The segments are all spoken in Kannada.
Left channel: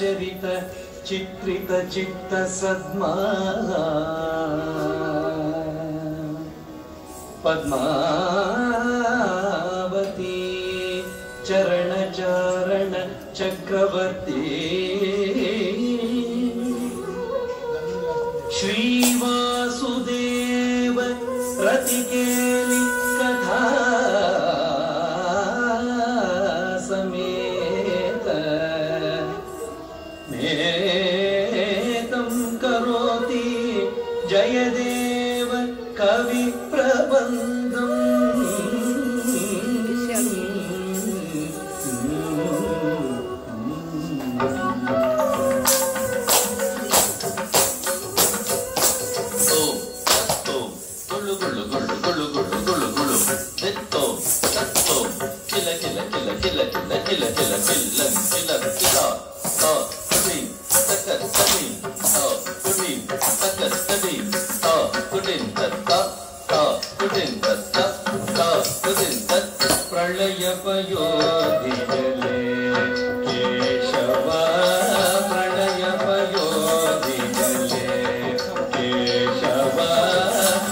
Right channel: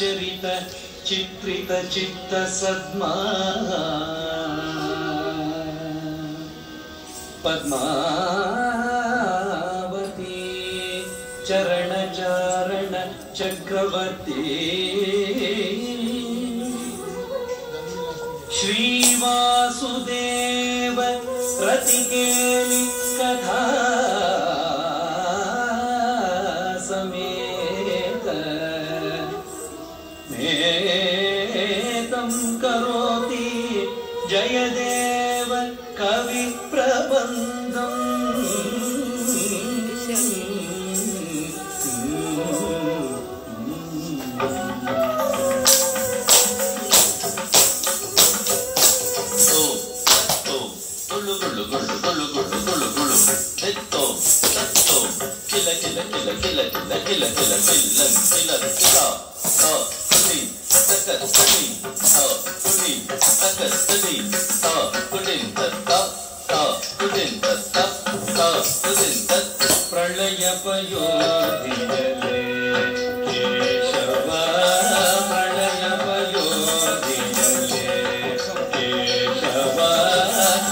चरित चित्रित चित्त सद्मा पद्मावती चरण चारण चक्रवर्ती श्री वासुदेव प्रतिकेली कथा समेत मेतं करोति जयदेव कवि प्रबंधम् प्रलय पयोधिजले केशव प्रलय पयोधिजले केशव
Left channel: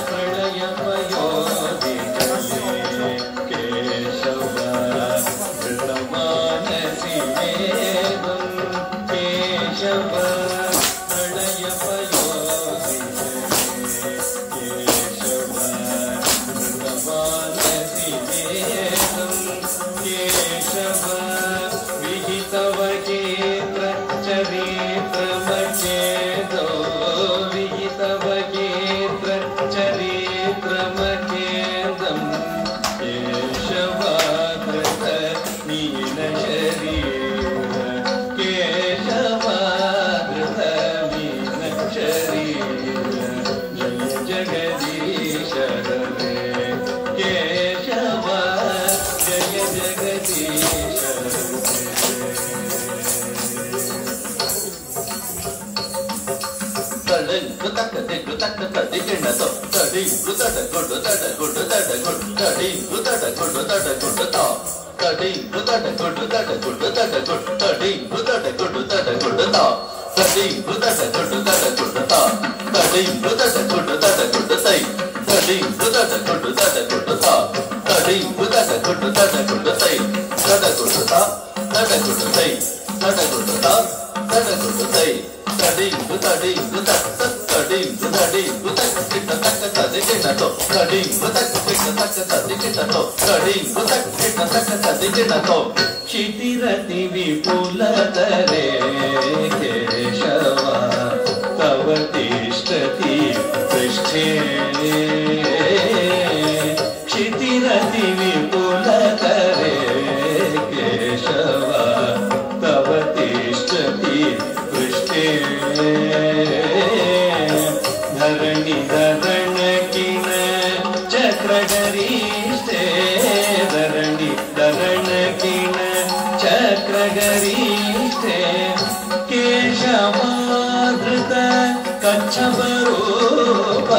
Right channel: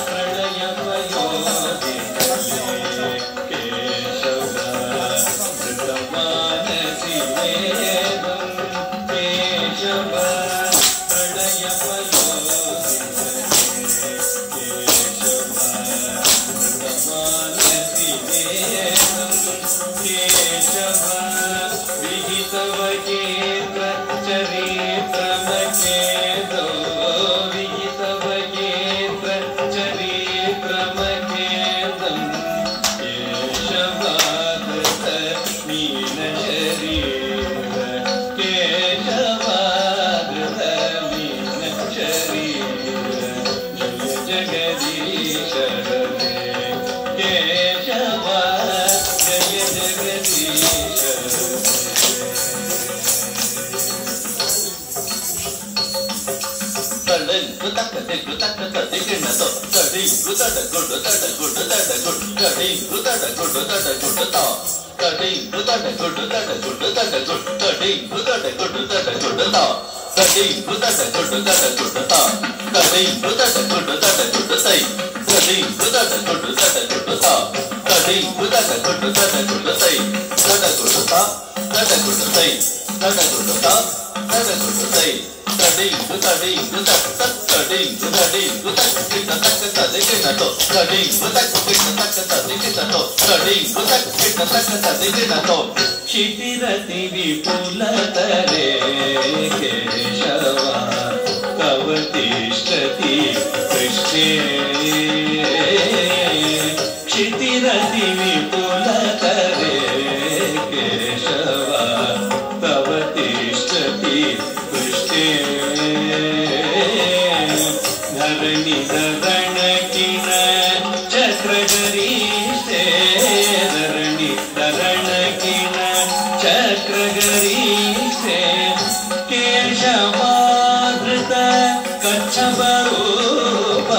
प्रलय पयोधिजले केशव कृतमानसि वेदं केशव प्रलय पयोधिजले केशव कृतमानसि वेदं केशव विहितवगेत्र चरित्रमचेदो विहितवगेत्र चरित्रमचेदं केशव धृत मीनशरीर केशव धृत मीनशरीर जय जगदीश हरे केशव जय जगदीश क्षितिरति विपुलतरे केशव कवतिष्ठति पृष्ठे क्षितिरति विपुलतरे केशव कवतिष्ठति पृष्ठे धरणि धरणकिन चक्रगरीष्ठे धरणि धरणकिन चक्रगरीष्ठे केशवाधृत कच्छपरूप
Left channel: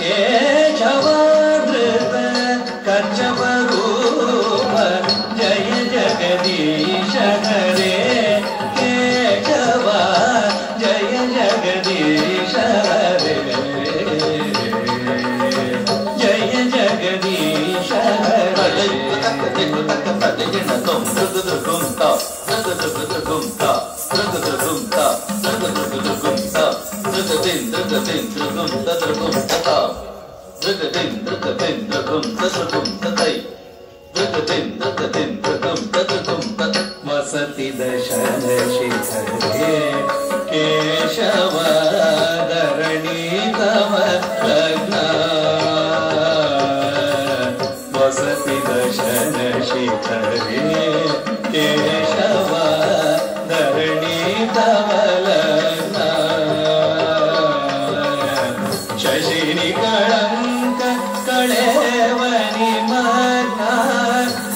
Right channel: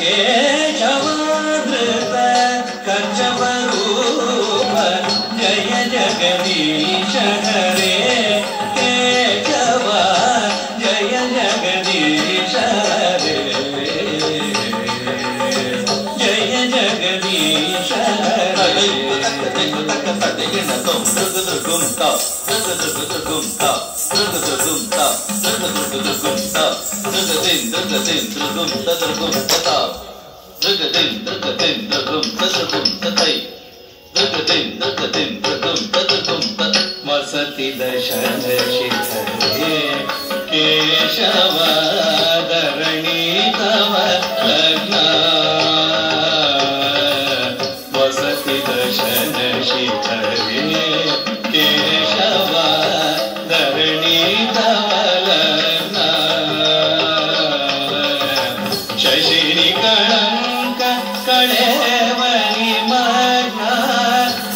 केशवाधृत कच्छपरूप जय जगदीश हरे केशव जय जगदीश हरे जय जगदीश हरे वसति दशन शिखरे केशव धरणी तव लग्ना वसति दशन शिखरे केशव धरणी तव लग्ना शशिनि कळंक कळेवनि मग्ना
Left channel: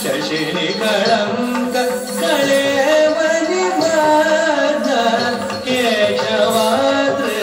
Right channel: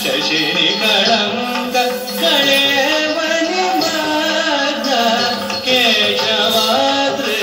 शशिनि कळंक कळेवनि मग्ना केशवाद्र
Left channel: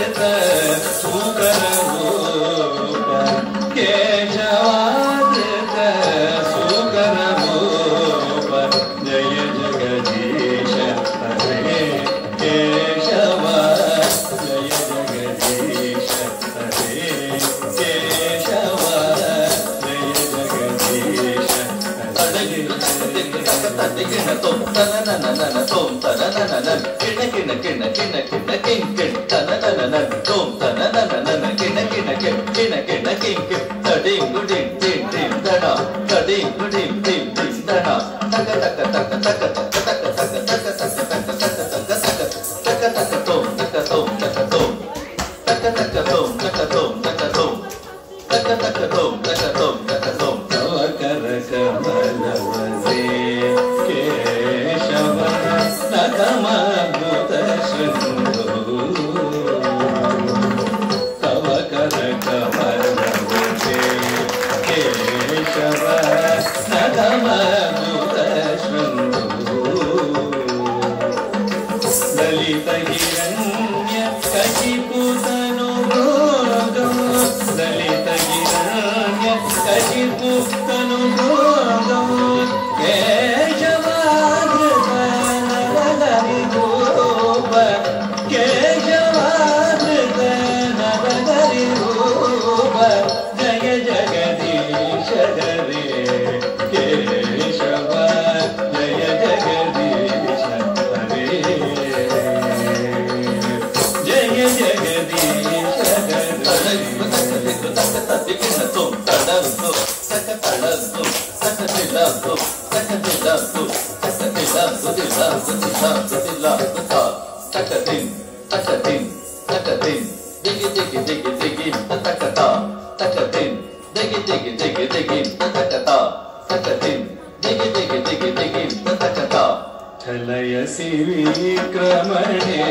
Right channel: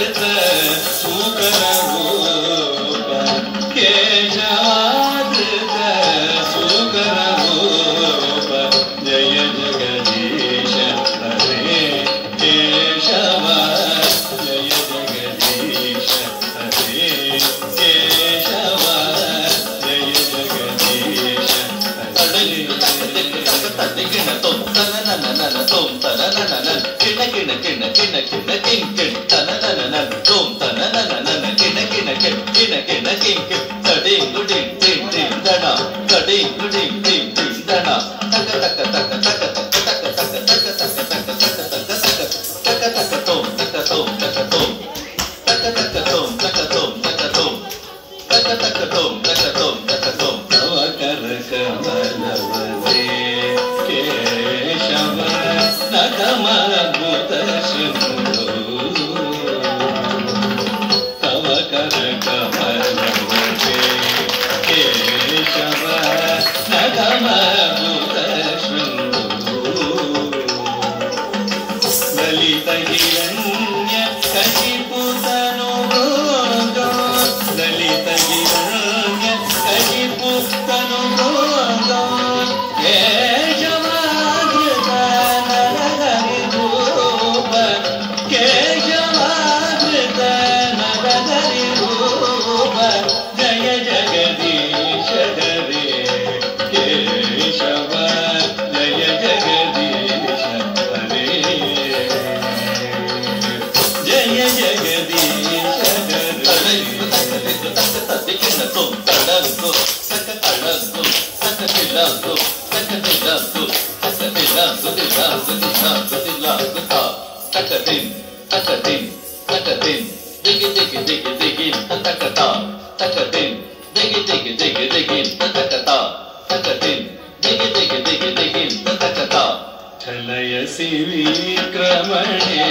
ಛಲಯಸಿ ವಿಕ್ರಮಣೆ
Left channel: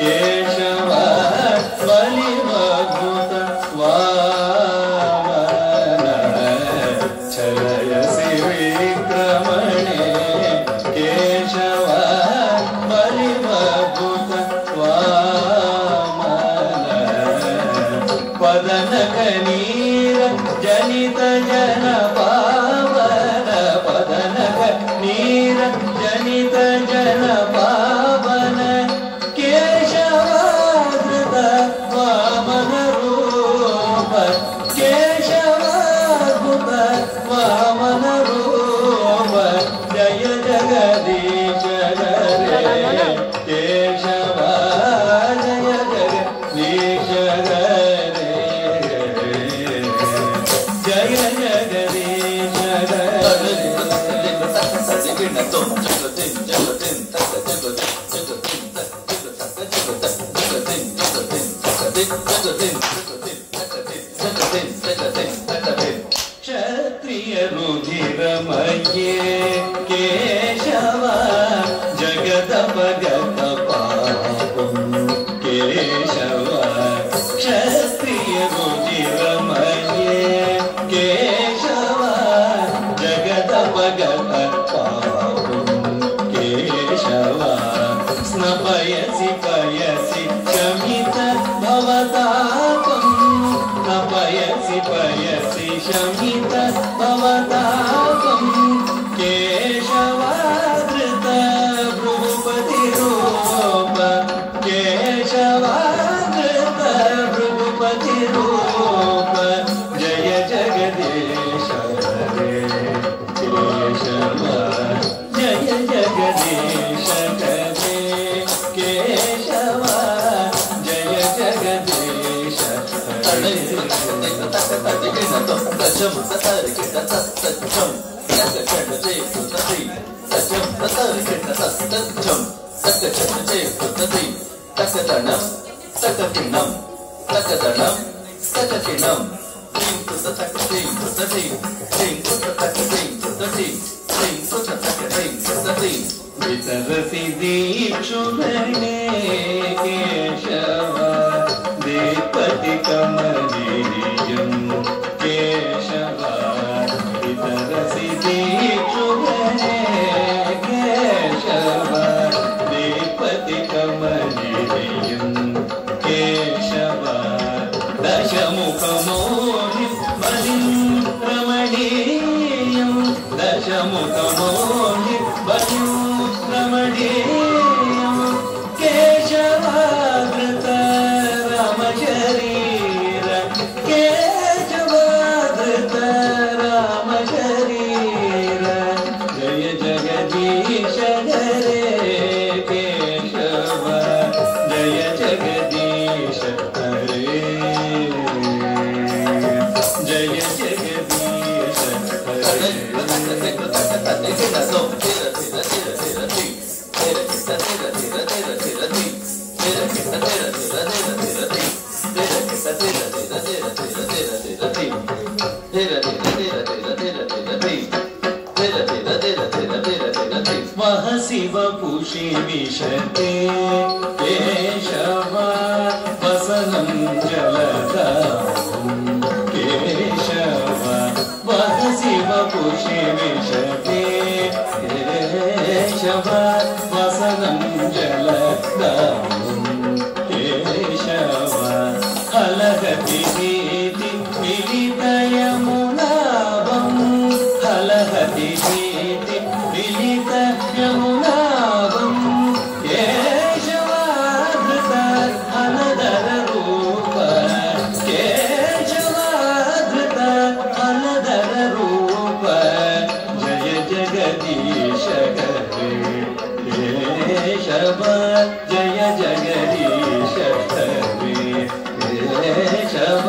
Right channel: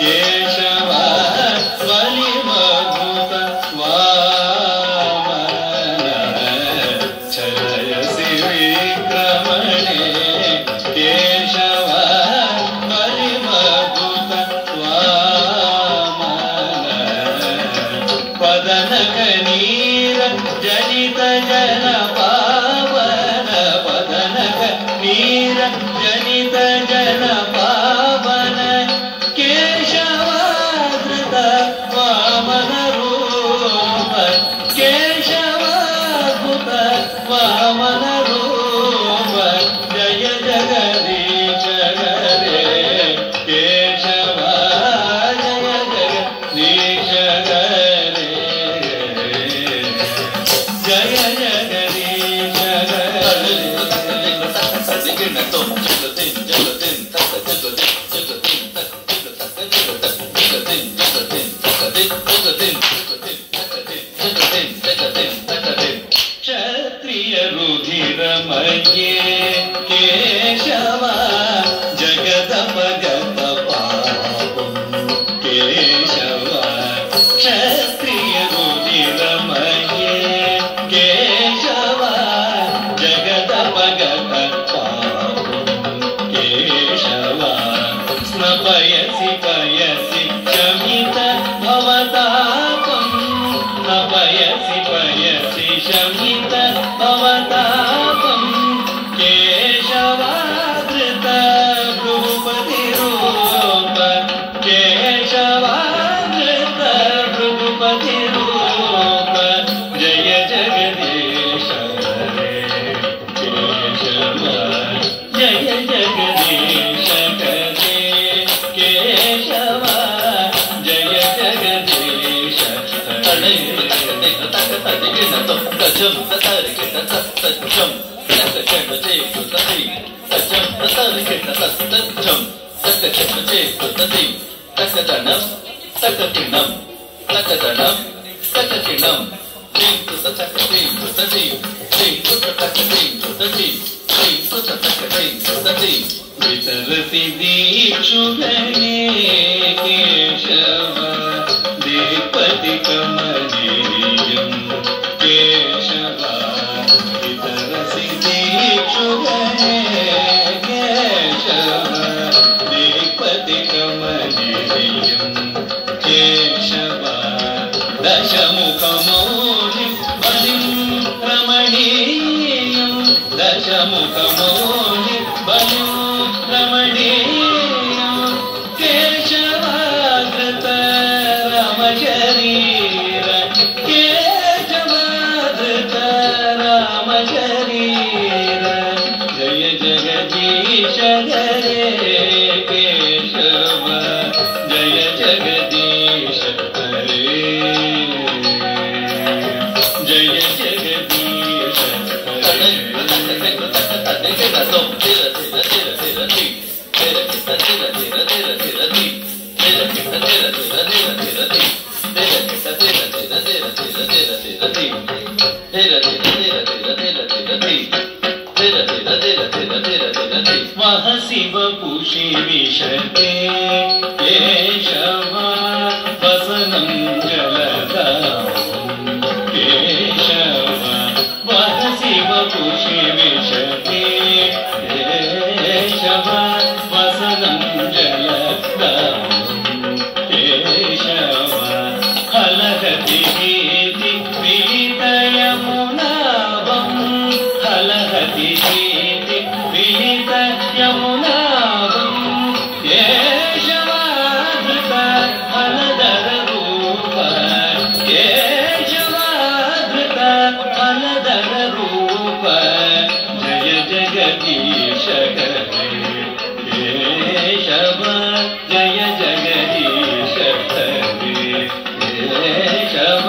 ಕೇಶವ ಬಲಿಮದ್ಭುತ ವಾಮನ ಛಲಯಸಿ ವಿಕ್ರಮಣೆ ಕೇಶವ ಬಲಿಮದ್ಭುತ ವಾಮನ ಪದನಕ ನೀರ ಜನಿತ ಜನ ಪಾವನ ಪದನಕ ನೀರ ಜನಿತ ಜನ ಪಾವನ ಕೇಶವಾಧೃತ ವಾಮನ ರೂಪ ಕೇಶವಾಧೃತ ವಾಮನ ರೂಪ ಜಯ ಜಗದೀಶ ಗರೇ ಕೇಶವ ಜಯ ಜಗದೀಶ ಗರೇ ಜಯ ಜಗದೀಶ ಗರೇ ಕ್ಷತ್ರಿಯ ರುಧಿರಮಯೇ ಕೇಶವ ಜಗದ ಭಗತ ಪಾಪಂ ಕೇಶವ ಕ್ಷತ್ರಿಯ ರುಧಿರಮಯೇ ಕೇಶವ ಜಗದ ಭಗತ ಪಾಪಂ ಕೇಶವ ಸ್ನಪಯಸಿ ಪಯಸಿ ಶಮಿತ ಭವತಾಪಂ ಸ್ನಪಯಸಿ ಪಯಸಿ ಶಮಿತ ಭವತಾಪಂ ಕೇಶವಾಧೃತ ಭೃಗುಪತಿ ರೂಪ ಕೇಶವಾಧೃತ ಭೃಗುಪತಿ ರೂಪ ಜಯ ಜಗದೀಶ ಹರೇ ಕೇಶವ ಜಯ ಜಗದೀಶ ಹರೇ ಕೇಶವ ಜಯ ಜಗದೀಶ ಹರೇ ವಿತರತಿ ದೀಕ್ಷುಗಣೇ ಕೇಶವ ದೇಪತಿ ಕಮಲೀಯಂ ಕೇಶವ ವಿತರಸಿ ದೀಕ್ಷುಗಣೇ ಕೇಶವ ದೇಪತಿ ಕಮಲೀಯಂ ಕೇಶವ ದಶಮುಖಮೌಳಿ ಬಲಿಂ ರಮಣೀಯಂ ದಶಮುಖಮೌಳಿ ಬಲಿಂ ರಮಣೀಯಂ ಕೇಶವಾಗೃತ ರಾಮಚರೀರ ಕೇಶವ ವಸನಂ ಜಲಧಾರಂ ಕೇಶವ ವದಸಿ ವಪುಷಿ ವಿಶತೆ ಕೇಶವ ವಸನಂ ಜಲಧಾರಂ ಕೇಶವ ಹಲಹತಿ ಭೀತಿ ವಿಲಿತ ಯಮುನಾಭಂ ಹಲಹತಿ ಭೀತಿ ವಿಲಿತ ಯಮುನಾಭಂ ಕೇಶವಾಧೃತ ಫಲಧರ ರೂಪ ಕೇಶವಾಧೃತ ಫಲಧರ ರೂಪ ಜಯ ಜಗದೀಶ ಹರೇ ಕೇಶವ ಜಯ ಜಗದೀಶ ಹರೇ ಕೇಶವ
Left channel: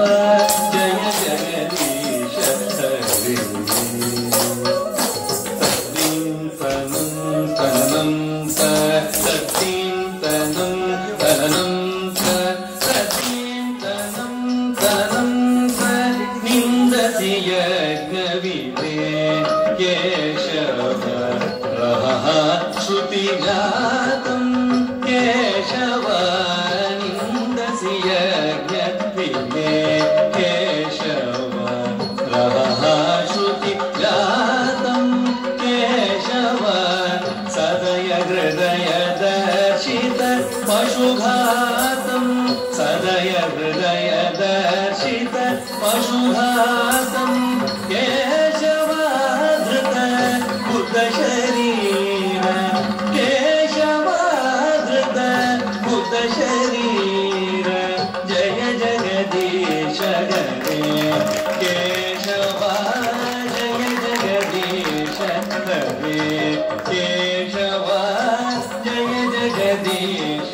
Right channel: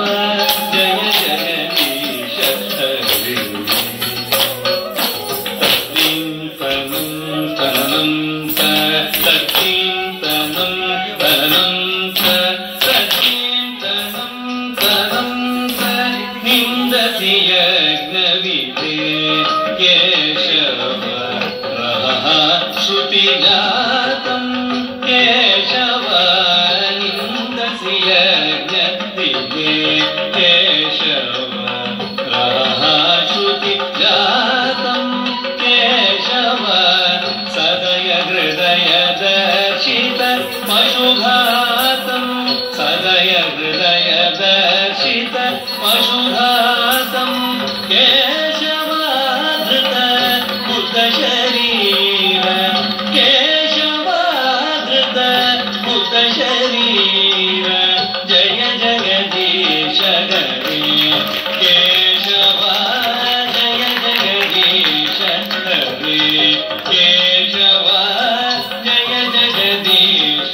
ಜಯ ಜಗದೀಶ ಹರೇ ತನಂ ತನಂ ನಿಂದತಿ ಯಜ್ಞವಿದೆ ಕೇಶವ ಶ್ರುತಿ ಜಾತಂ ಕೇಶವ ನಿಂದಸಿ ಯಜ್ಞವಿದೆ ಕೇಶವ ಶ್ರುತಿ ಜಾತಂ ಕೇಶವ ಸದಯ ಹೃದಯ ದರ್ಶಿತ ಪಶುಘಾತಂ ಸದಯ ಹೃದಯ ದರ್ಶಿತ ಪಶುಘಾತಂ ಕೇಶವಾಧೃತ ಬುದ್ಧ ಶರೀರ ಕೇಶವಾಧೃತ ಬುದ್ಧ ಶರೀರ ಜಯ ಜಗದೀಶ ಹರೇ ಕೇಶವ ಜಯ ಜಗದೀಶ ಹರೇ ಕೇಶವ ಜಯ ಜಗದೀಶ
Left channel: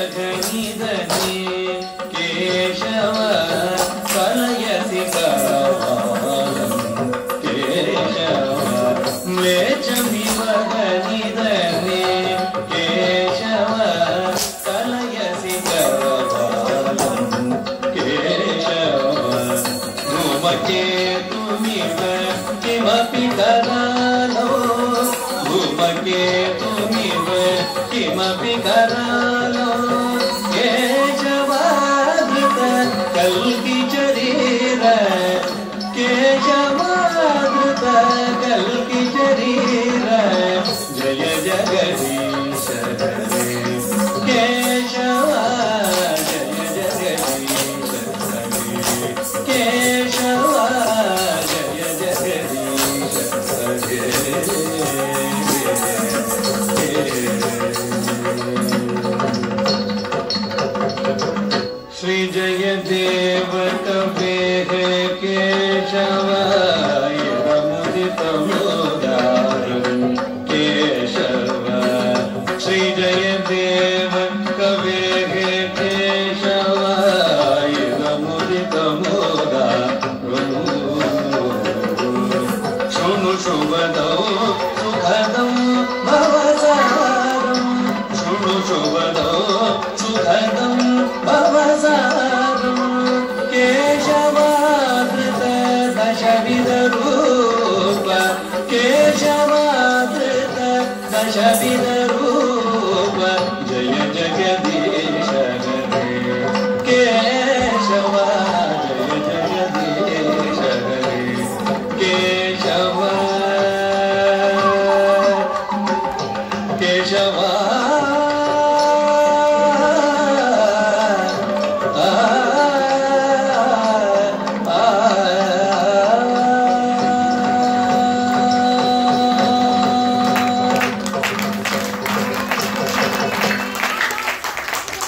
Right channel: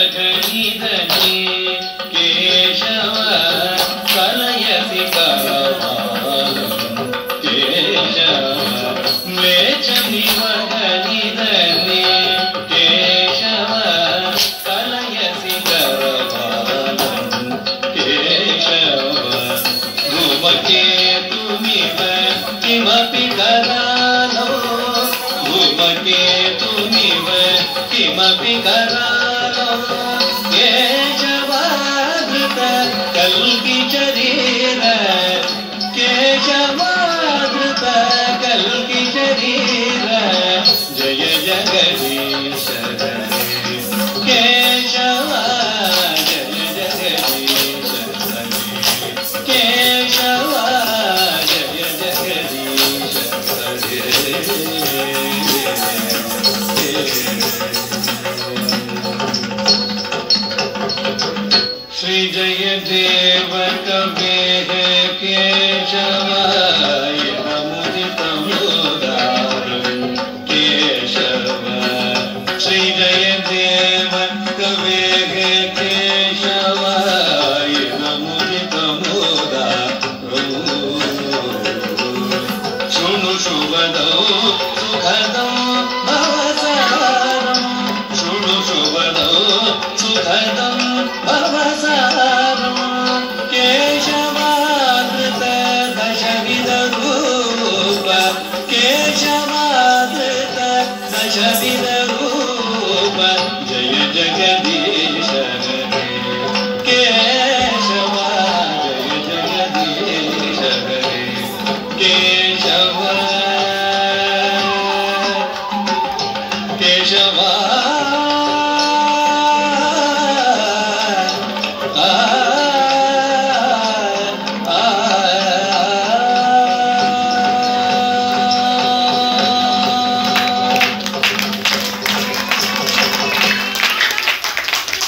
ಲೇಚನಿವಘನಿಧನೆ ಕೇಶವ ಕಲಯಸಿ ಕರವಾಲಂ ಕೇಶವ ಲೇಚನಿವಘನಿಧನೆ ಕೇಶವ ಕಲಯಸಿ ಕರವಾಲಂ ಕೇಶವ ಧೂಮಕೇತುಮಿವ ಕಿಮಪಿ ಕರಾಲೋ ಧೂಮಕೇತುಮಿವ किमपि करालो केशवाधृत कल्कि शरीर केशवाधृत कल्कि शरीर जय जगदीश हरे केशवा जय जगदीश हरे केशवा जय जगदीश हरे श्री जय देव कवे केशवाय मुदित मुदारं केशव श्री जय देव कवे केशवाय मुदित मुदारं शृणु शुभदौ सुखदं भवसारं शृणु शुभदौ सुखदं भवसारं केशवाधृत दशविध रूप केशवाधृत दशविध रूप जय जगदीश हरे केशवा जय जगदीश हरे केशवा केशवा